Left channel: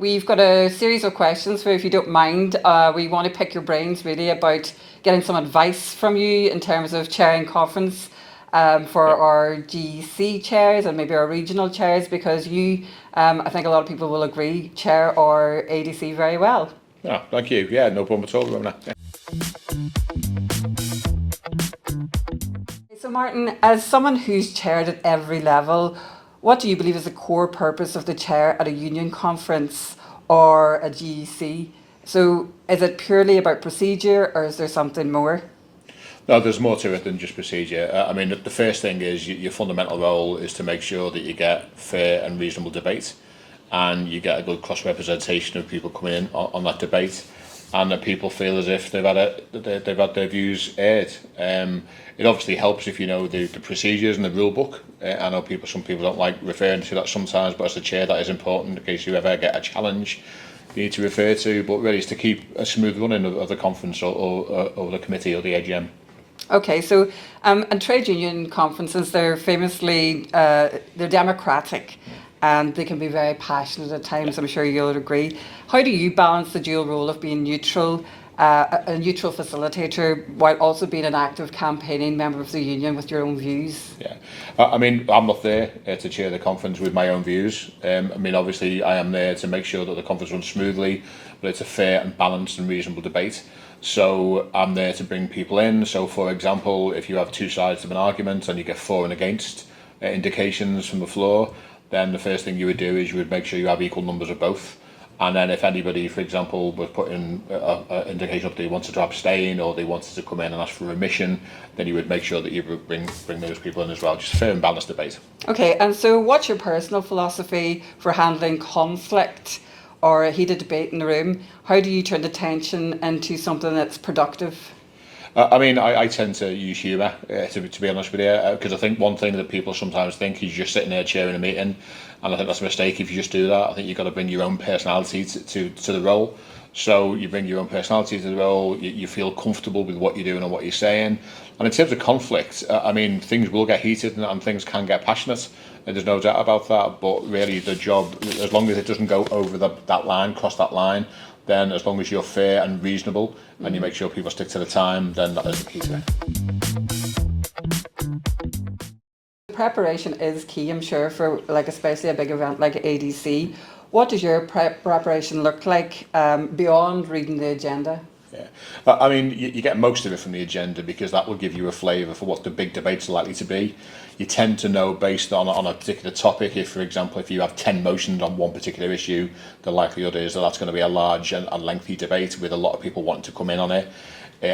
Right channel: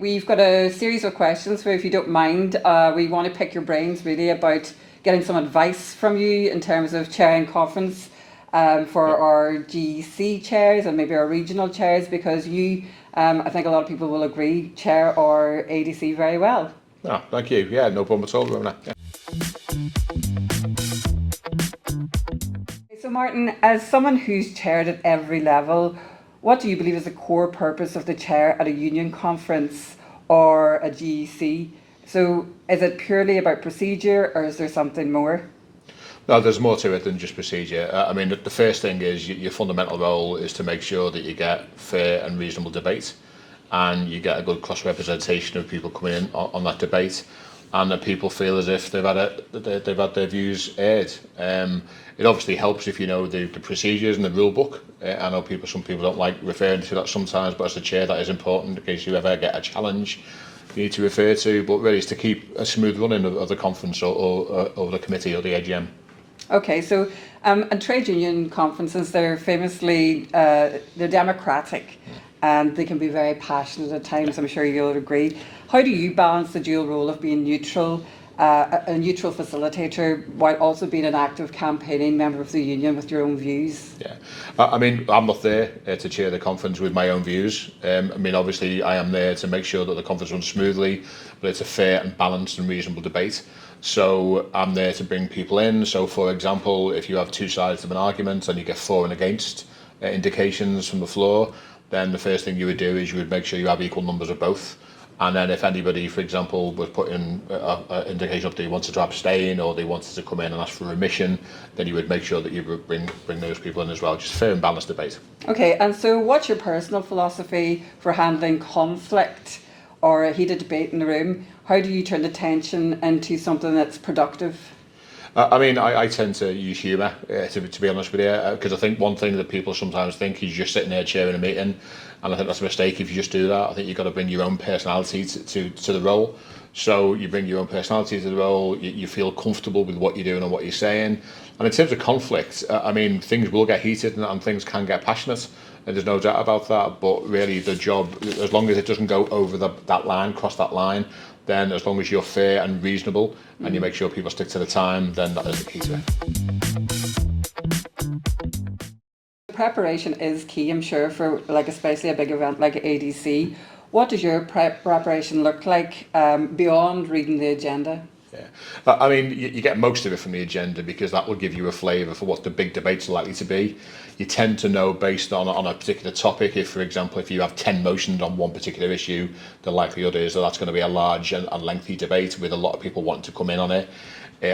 we've got a series of questions where, if you don't mind, we want to pick your brains really about getting some advice from you in terms of chairing conference for our GEC chairs and maybe our regional chairs, because you, I think a lot of people will agree, chair our ADC very well. Oh, thank you. Yeah, no problem at all, Ramona. Yeah. So Martin, as someone who's chaired at every level, what do you believe is the core purpose of the chair at a union conference or a GEC? So is it purely about procedure, or is there something more? No, there's more to it than just procedure. I mean, the first thing is your fundamental role is to make sure that you get fair and reasonable debate, and you get a good cross-representation of people coming in on that debate, and that people feel as if they've had their views aired. It obviously helps if you know the procedures and the rule book. I know some people don't like referring to that sometimes, but as the chair, that is important in case you ever get a challenge you need to refer to. But really, it's to keep a smooth running of the conference or the committee or the AGM. Okay, so and trade union conferences, they're famously they're democratic, and they can be very passionate at times. I'm sure you'll agree. How do you balance the dual role of being neutral, a neutral facilitator, while also being an active campaigning member of the union with your own views? Yeah, I mean, I'm not there to chair the conference with my own views. I mean, obviously, I am there to make sure that the conference runs smoothly, but it's a fair and balanced and reasonable debate. So I'm there to bring people in. So, for example, if you have two sides of an argument and you get for and against indications from the floor, then the first thing you would do is you would make sure you have equal numbers of both. And then if anybody, for example, was putting an indication up that they wanted to abstain or they wanted to come in and ask for remission, then you would make sure that you would bring those people in as well. Just fair and balanced debate. Okay, and so what's your personal philosophy for handling conflict or a heated debate in the room? How do you turn the tension into something that's productive? I mean, I tend to use humour, to be honest with you, because I think one thing that people sometimes think is you're sitting there chairing a meeting, and I think that's a mistake if you just do that. I think you've got to bring your own personality to the role. So you bring your own personality to the role, you feel comfortable with what you're doing and what you're saying. And in terms of conflict, I mean, things will get heated and things can get passionate, and there's no doubt about that. But really, the job, as long as it doesn't go over that line, cross that line, then as long as you're fair and reasonable and you make sure people stick to the time, then that is the key to it. Preparation is key, I'm sure, for especially a big event like ADC. What does your preparation look like beyond reading the agenda? Yeah, I mean, you get most of it from the agenda because that will give you a flavour for what the big debates are likely to be. You tend to know based on a particular topic. If, for example, if you have 10 motions on one particular issue, the likelihood is that that's going to be a large and lengthy debate with a lot of people wanting to come in on it.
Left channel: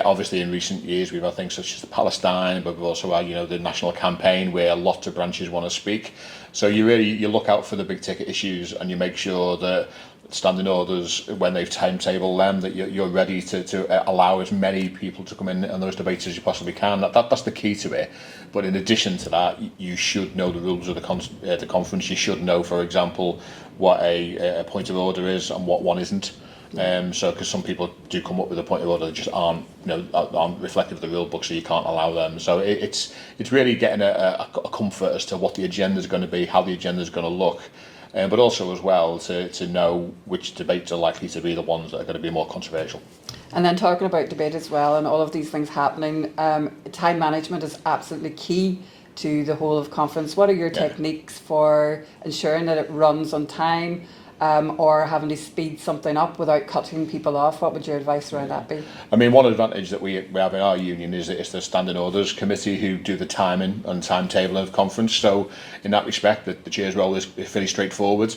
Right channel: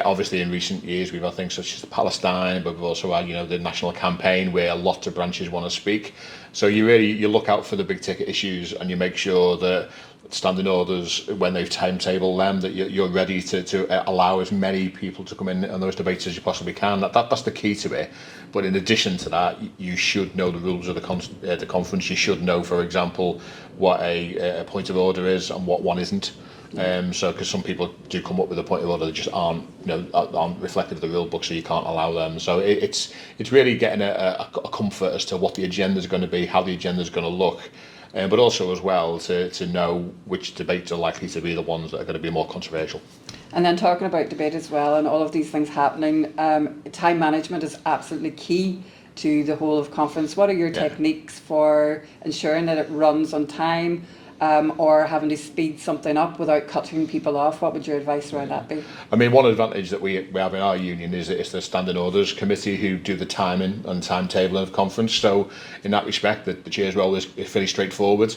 Obviously, in recent years, we've had things such as Palestine, but we've also had, the national campaign where lots of branches want to speak. So you look out for the big ticket issues and you make sure that standing orders, when they've timetabled them, that you're ready to allow as many people to come in on those debates as you possibly can. That's the key to it. But in addition to that, you should know the rules of the conference. You should know, for example, what a point of order is and what one isn't. So, because some people do come up with a point of order that just aren't reflective of the rule book, so you can't allow them. So it's really getting a comfort as to what the agenda is going to be, how the agenda is going to look, but also as well to know which debates are likely to be the ones that are going to be more controversial. And then talking about debate as well, and all of these things happening, time management is absolutely key to the whole of conference. What are your techniques for ensuring that it runs on time? Or having to speed something up without cutting people off? What would your advice around that be? I mean, one advantage that we have in our union is that it's the standing orders committee who do the timing and timetabling of conference. So in that respect, the chair's role is fairly straightforward.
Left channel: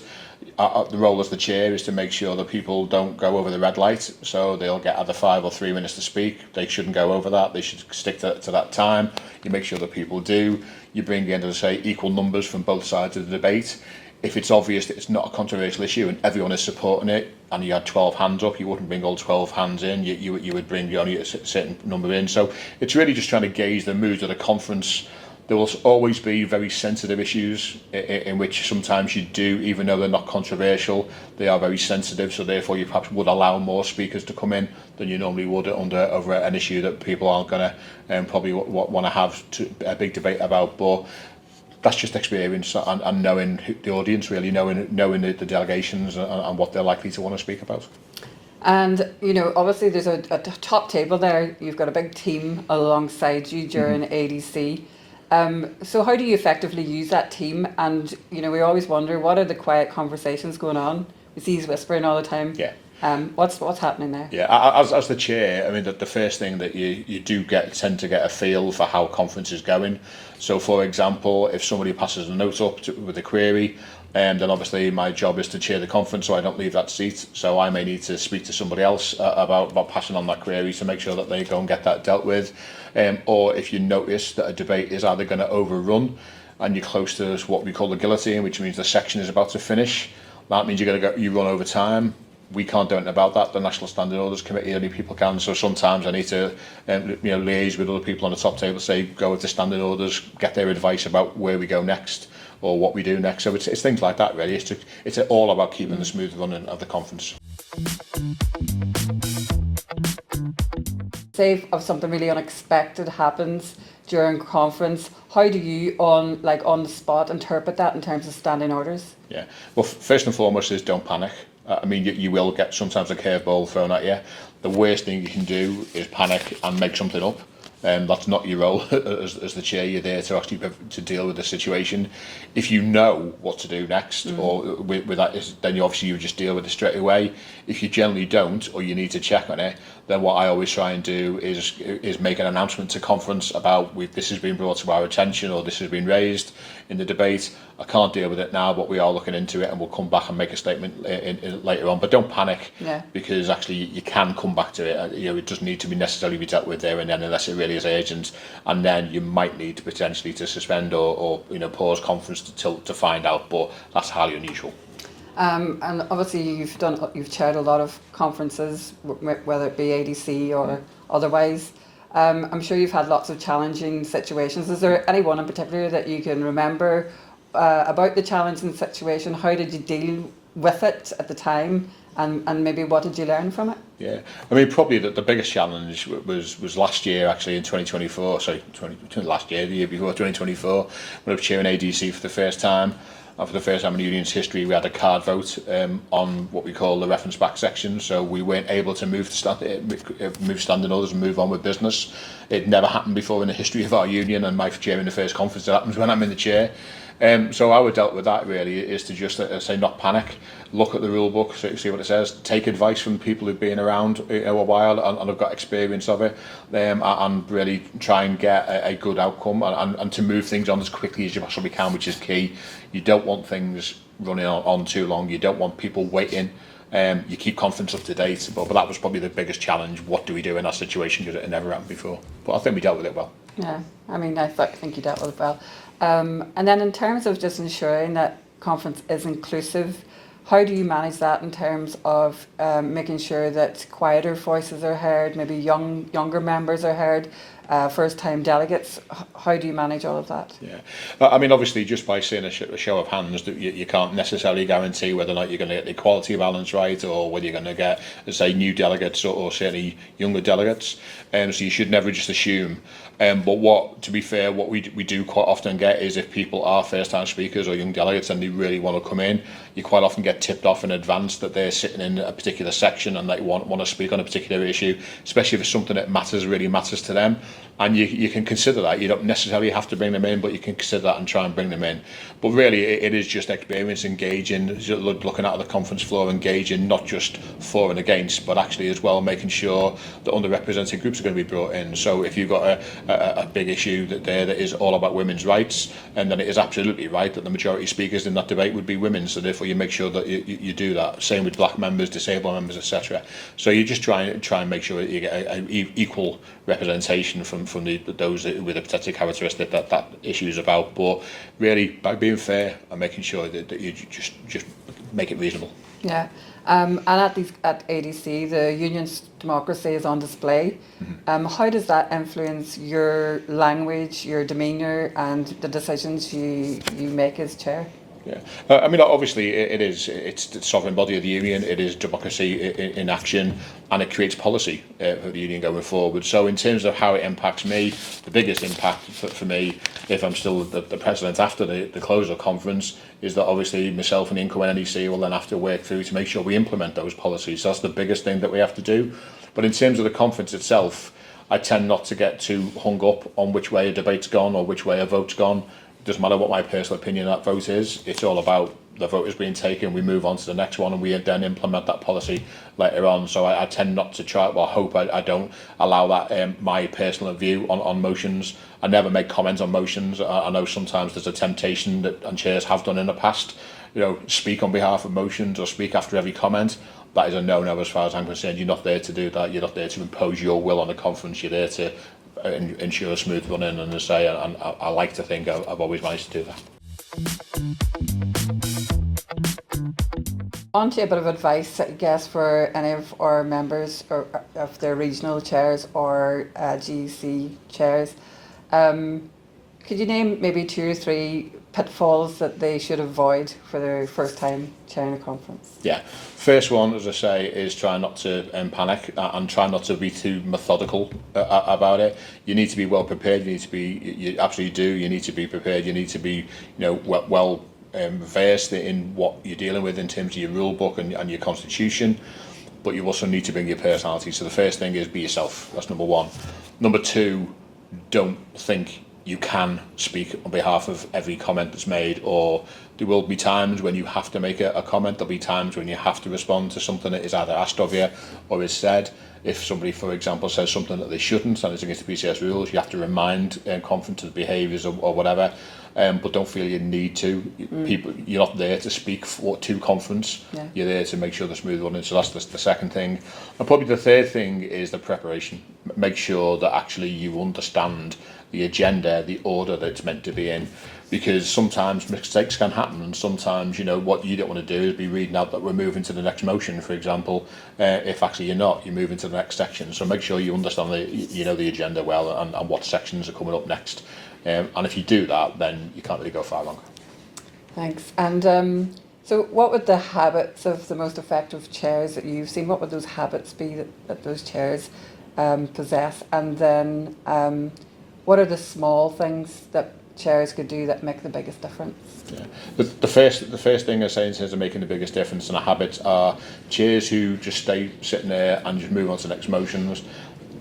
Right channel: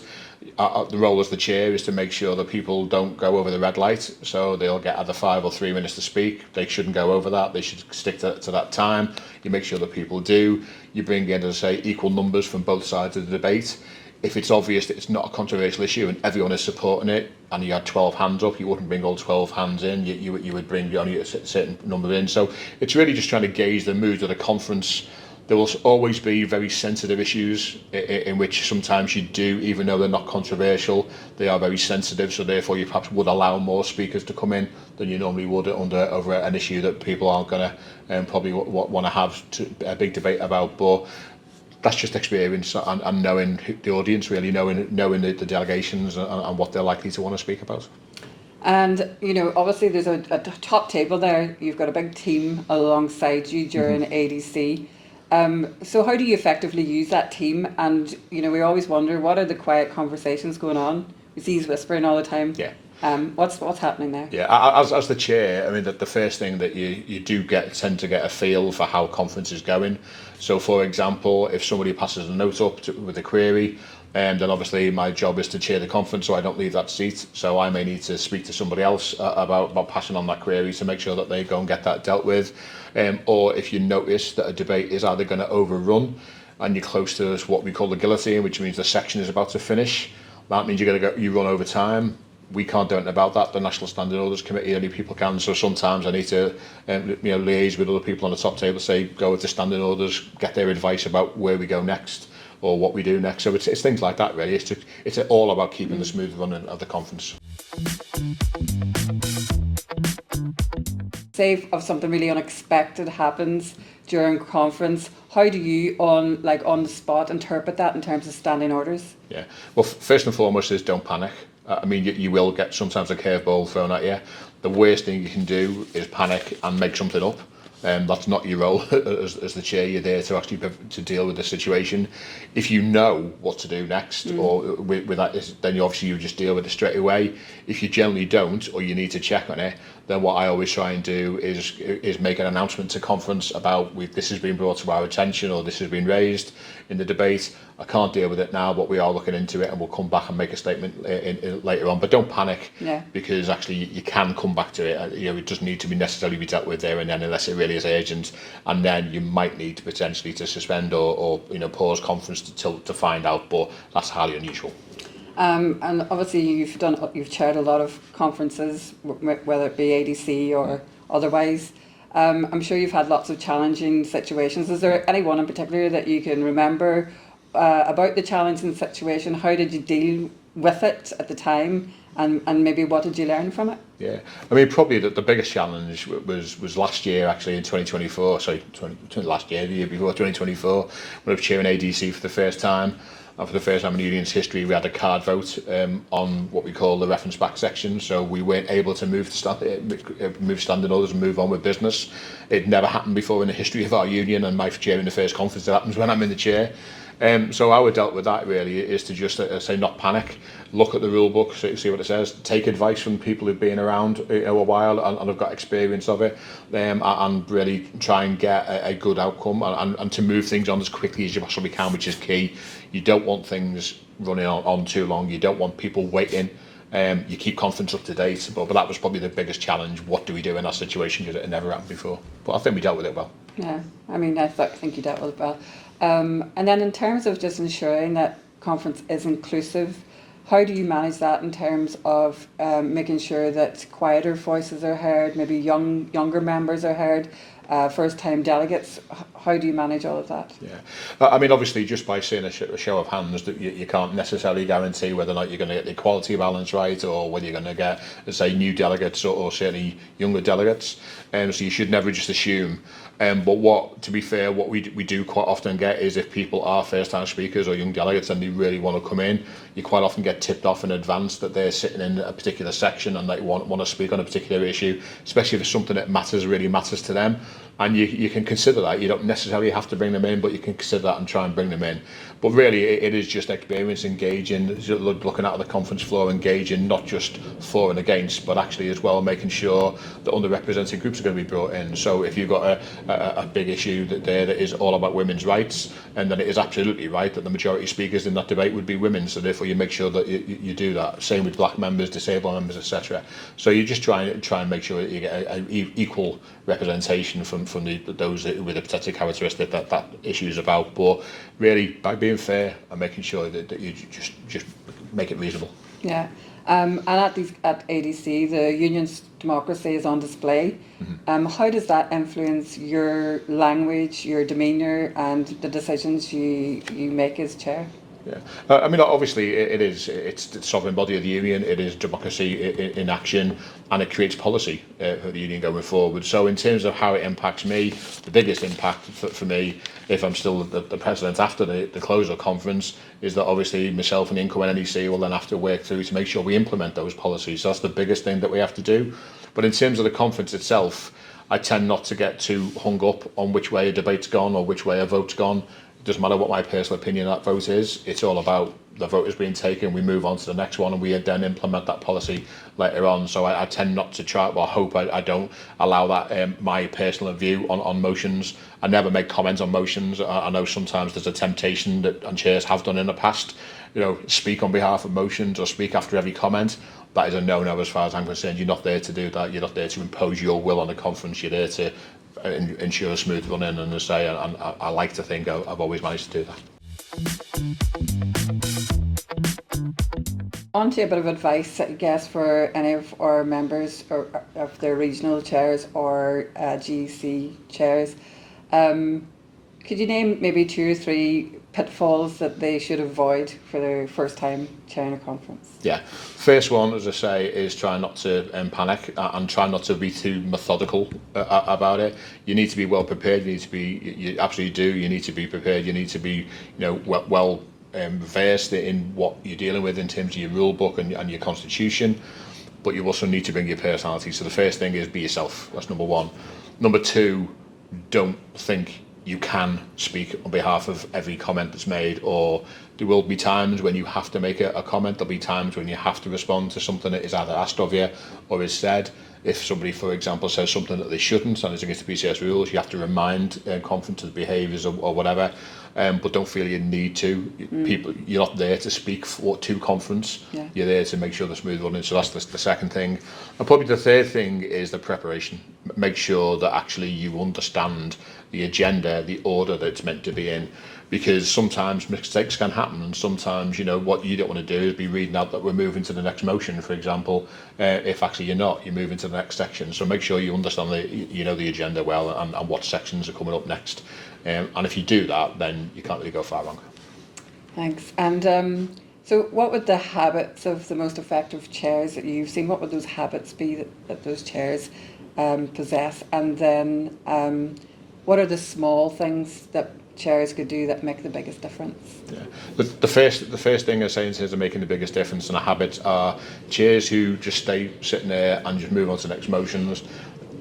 The role as the chair is to make sure that people don't go over the red light. So they'll get either 5 or 3 minutes to speak. They shouldn't go over that. They should stick to that time. You make sure that people do. You bring the end of the say equal numbers from both sides of the debate. If it's obvious that it's not a controversial issue and everyone is supporting it, and you had 12 hands up, you wouldn't bring all 12 hands in. You would bring only a certain number in. So it's really just trying to gauge the mood of the conference. There will always be very sensitive issues in which sometimes you do, even though they're not controversial, they are very sensitive. So therefore, you perhaps would allow more speakers to come in than you normally would over an issue that people aren't going to probably want to have a big debate about. But that's just experience and knowing the audience, really knowing the delegations and what they're likely to want to speak about. And, you know, obviously there's a top table there. You've got a big team alongside you during ADC. So how do you effectively use that team? And, you know, we always wonder, what are the quiet conversations going on? You see he's whispering all the time. Yeah. What's happening there? Yeah, as the chair, I mean, the first thing that you do tend to get a feel for how conference is going. So, for example, if somebody passes a note up with a query, then obviously my job is to chair the conference, so I don't leave that seat. So I may need to speak to somebody else about passing on that query to make sure that they go and get that dealt with. Or if you notice that a debate is either going to overrun and you're close to what we call the guillotine, which means the section is about to finish, that means you run over time. We can't do anything about that. The National Standing Orders Committee, only people can. So sometimes I need to, liaise with other people on the top table, say go with the standing orders, get their advice about where we go next or what we do next. So it's things like that, really. It's all about keeping the smooth running of the conference. Say if something really unexpected happens during conference, how do you on the spot interpret that in terms of standing orders? Yeah. Well, first and foremost is don't panic. I mean, you will get sometimes a curveball thrown at you. The worst thing you can do is panic and make something up. That's not your role as the chair. You're there to actually to deal with the situation. If you know what to do next, or with that, then you just deal with it straight away. If you generally don't, or you need to check on it, then what I always try and do is make an announcement to conference about this has been brought to our attention, or this has been raised in the debate. I can't deal with it now, but we are looking into it, and we'll come back and make a statement later on. But don't panic, because actually you can come back to it. It doesn't need to be necessarily be dealt with there and then, unless it really is urgent, and then you might need to potentially to suspend or pause conference to find out. But that's highly unusual. And obviously you've chaired a lot of conferences, whether it be ADC or otherwise. I'm sure you've had lots of challenging situations. Is there any one in particular that you can remember about the challenging situation? How did you deal with it at the time, and maybe what did you learn from it? Yeah, I mean, probably the biggest challenge was last year, actually, in 2024. Sorry, last year, the year before, 2024, when I was chairing ADC for the first time. And for the first time in the union's history, we had a card vote on what we call the reference back section. So we weren't able to move standing orders and move on with business. It never happened before in the history of our union, and my chairing the first conference that happens when I'm in the chair. So how I dealt with that really is to just say not panic, look at the rule book, see what it says, take advice from people who've been around a while and have got experience of it, and really try and get a good outcome and to move things on as quickly as you possibly can, which is key. You don't want things running on too long. You don't want people waiting. You keep conference up to date, but that was probably the biggest challenge. What do we do in that situation, because it had never happened before? But I think we dealt with it well. Yeah, I mean, I think you dealt with it well. And then in terms of just ensuring that conference is inclusive, how do you manage that in terms of making sure that quieter voices are heard, maybe younger members are heard, first-time delegates? How do you manage all of that? Yeah, I mean, obviously, just by seeing a show of hands, that you can't necessarily guarantee whether or not you're going to get the equality balance right, or whether you're going to get, say, new delegates or certainly younger delegates. So you should never just assume. But to be fair, what we do quite often get is if people are first-time speakers or young delegates and they really want to come in, you quite often get tipped off in advance that they're sitting in a particular section and they want to speak on a particular issue, especially if it's something that really matters to them. And you can consider that. You don't necessarily have to bring them in, but you can consider that and try and bring them in. But really, it is just experience, engaging, looking at the conference floor, engaging, not just for and against, but actually as well making sure that underrepresented groups are going to be brought in. So if you've got a big issue that is all about women's rights, and then it is absolutely right that the majority speakers in that debate would be women. So therefore, you make sure that you do that. Same with black members, disabled members, etc. So you just try and make sure that you get an equal representation from those with a particular characteristic that issue is about. But really, by being fair and making sure that you just make it reasonable. Yeah. And at ADC, the union's democracy is on display. Mm-hmm. How does that influence your language, your demeanour, and the decisions you make as chair? Yeah, I mean, obviously, it's the sovereign body of the union. It is democracy in action, and it creates policy for the union going forward. So, in terms of how it impacts me, the biggest impact for me, if I'm still the president after the close of the conference, is that obviously myself and the incoming NEC will then have to work through to make sure we implement those policies. So that's the biggest thing that we have to do. But in terms of the conference itself, I tend not to get too hung up on which way a debate's gone or which way a vote's gone. It doesn't matter what my personal opinion of that vote is. It's all about the vote is being taken. We move on to the next one, and we then implement that policy later on. So I tend not to try. Well, I hope I don't allow that my personal view on motions. I never make comments on motions. I know sometimes there's a temptation that, and chairs have done in the past, speak on behalf of motions or speak after every comment. That is a no-no as far as I'm concerned. You're not there to do that. You're not there to impose your will on the conference. You're there to ensure a smooth running, and as I say, and I like to think I've always managed to do that. On to a bit of advice, I guess, for any of our members, or of the regional chairs or GEC chairs. Could you name maybe 2 or 3 pitfalls that they should avoid for their first time chairing a conference? Yeah, first one, as I say, is try not to panic and try not to be too methodical about it. You need to be well prepared. You need to be, you absolutely do. You need to be prepared. You need to be, well versed in what you're dealing with in terms of your rule book and your constitution. But you also need to bring your personality. So the first thing is be yourself. That's number 1. Number 2, don't think you can speak on behalf of every comment that's made, or there will be times when you have to make a comment. There'll be times when you have to respond to something that is either asked of you or is said. If somebody, for example, says something that they shouldn't and it's against the PCS rules, you have to remind conference of behaviours or whatever. But don't feel you need to. People, you're not there to speak to conference. Yeah. You're there to make sure they're smooth running. So that's the second thing. And probably the third thing is the preparation. Make sure that actually you understand the agenda, the order that it's meant to be in. Because sometimes mistakes can happen, and sometimes, what you don't want to do is be reading out that we're moving to the next motion, for example, if actually you're not, you're moving to the next section. So make sure you understand the agenda well and what sections are coming up next. And if you do that, then you can't really go far wrong. Thanks. And so what would the habits of the most effective chairs that you've seen, what would those habits be that those chairs possess? And then what are the small things that chairs could do that make the biggest difference? Yeah. The first thing I say in terms of making the biggest difference in the habits are chairs who just stay sitting there and just move on to the next motions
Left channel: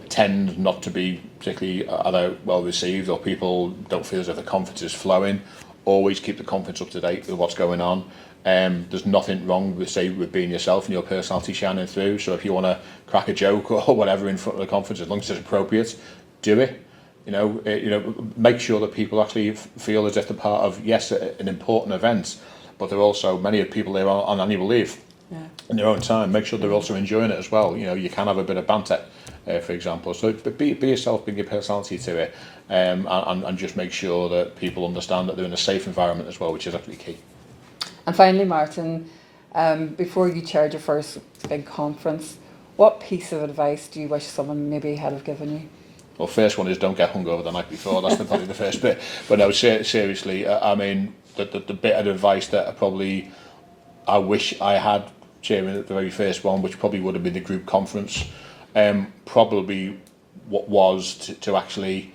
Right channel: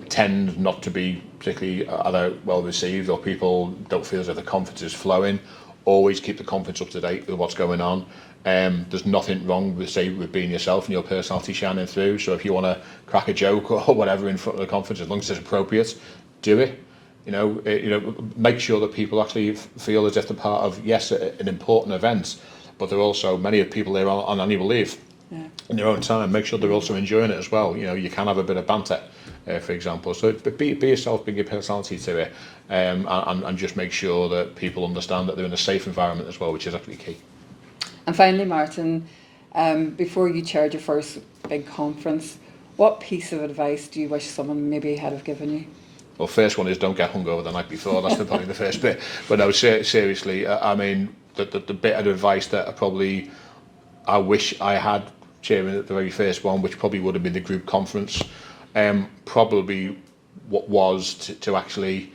tend not to be particularly either well received, or people don't feel as if the conference is flowing. Always keep the conference up to date with what's going on. There's nothing wrong with being yourself and your personality shining through. So if you want to crack a joke or whatever in front of the conference, as long as it's appropriate, do it. Make sure that people actually feel as if they're part of, yes, an important event, but they're also, many of the people there on annual leave in their own time. Make sure they're also enjoying it as well. You can have a bit of banter, for example. So be yourself, bring your personality to it, and just make sure that people understand that they're in a safe environment as well, which is actually key. And finally, Martin, before you chaired your first big conference, what piece of advice do you wish someone maybe had have given you? Well, first one is don't get hungover the night before. That's probably the first bit. But no, seriously, I mean, the bit of advice that I wish I had chairing at the very first one, which probably would have been the group conference, probably what was to actually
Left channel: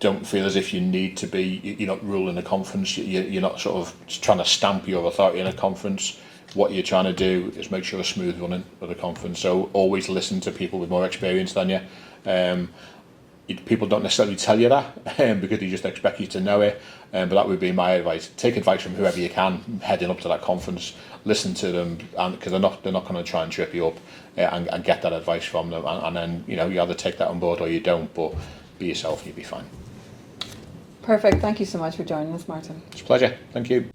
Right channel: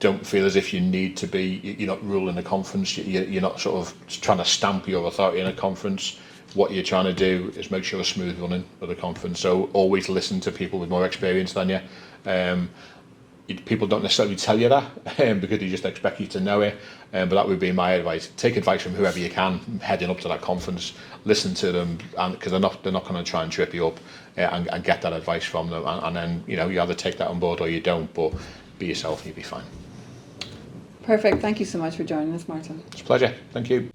don't feel as if you need to be, you're not ruling a conference, you're not sort of trying to stamp your authority in a conference. What you're trying to do is make sure a smooth running of the conference. So always listen to people with more experience than you. People don't necessarily tell you that because they just expect you to know it, but that would be my advice. Take advice from whoever you can heading up to that conference. Listen to them, and because they're not going to try and trip you up, and get that advice from them, and then you either take that on board or you don't. But be yourself and you'll be fine. Perfect. Thank you so much for joining us, Martin. It's a pleasure. Thank you.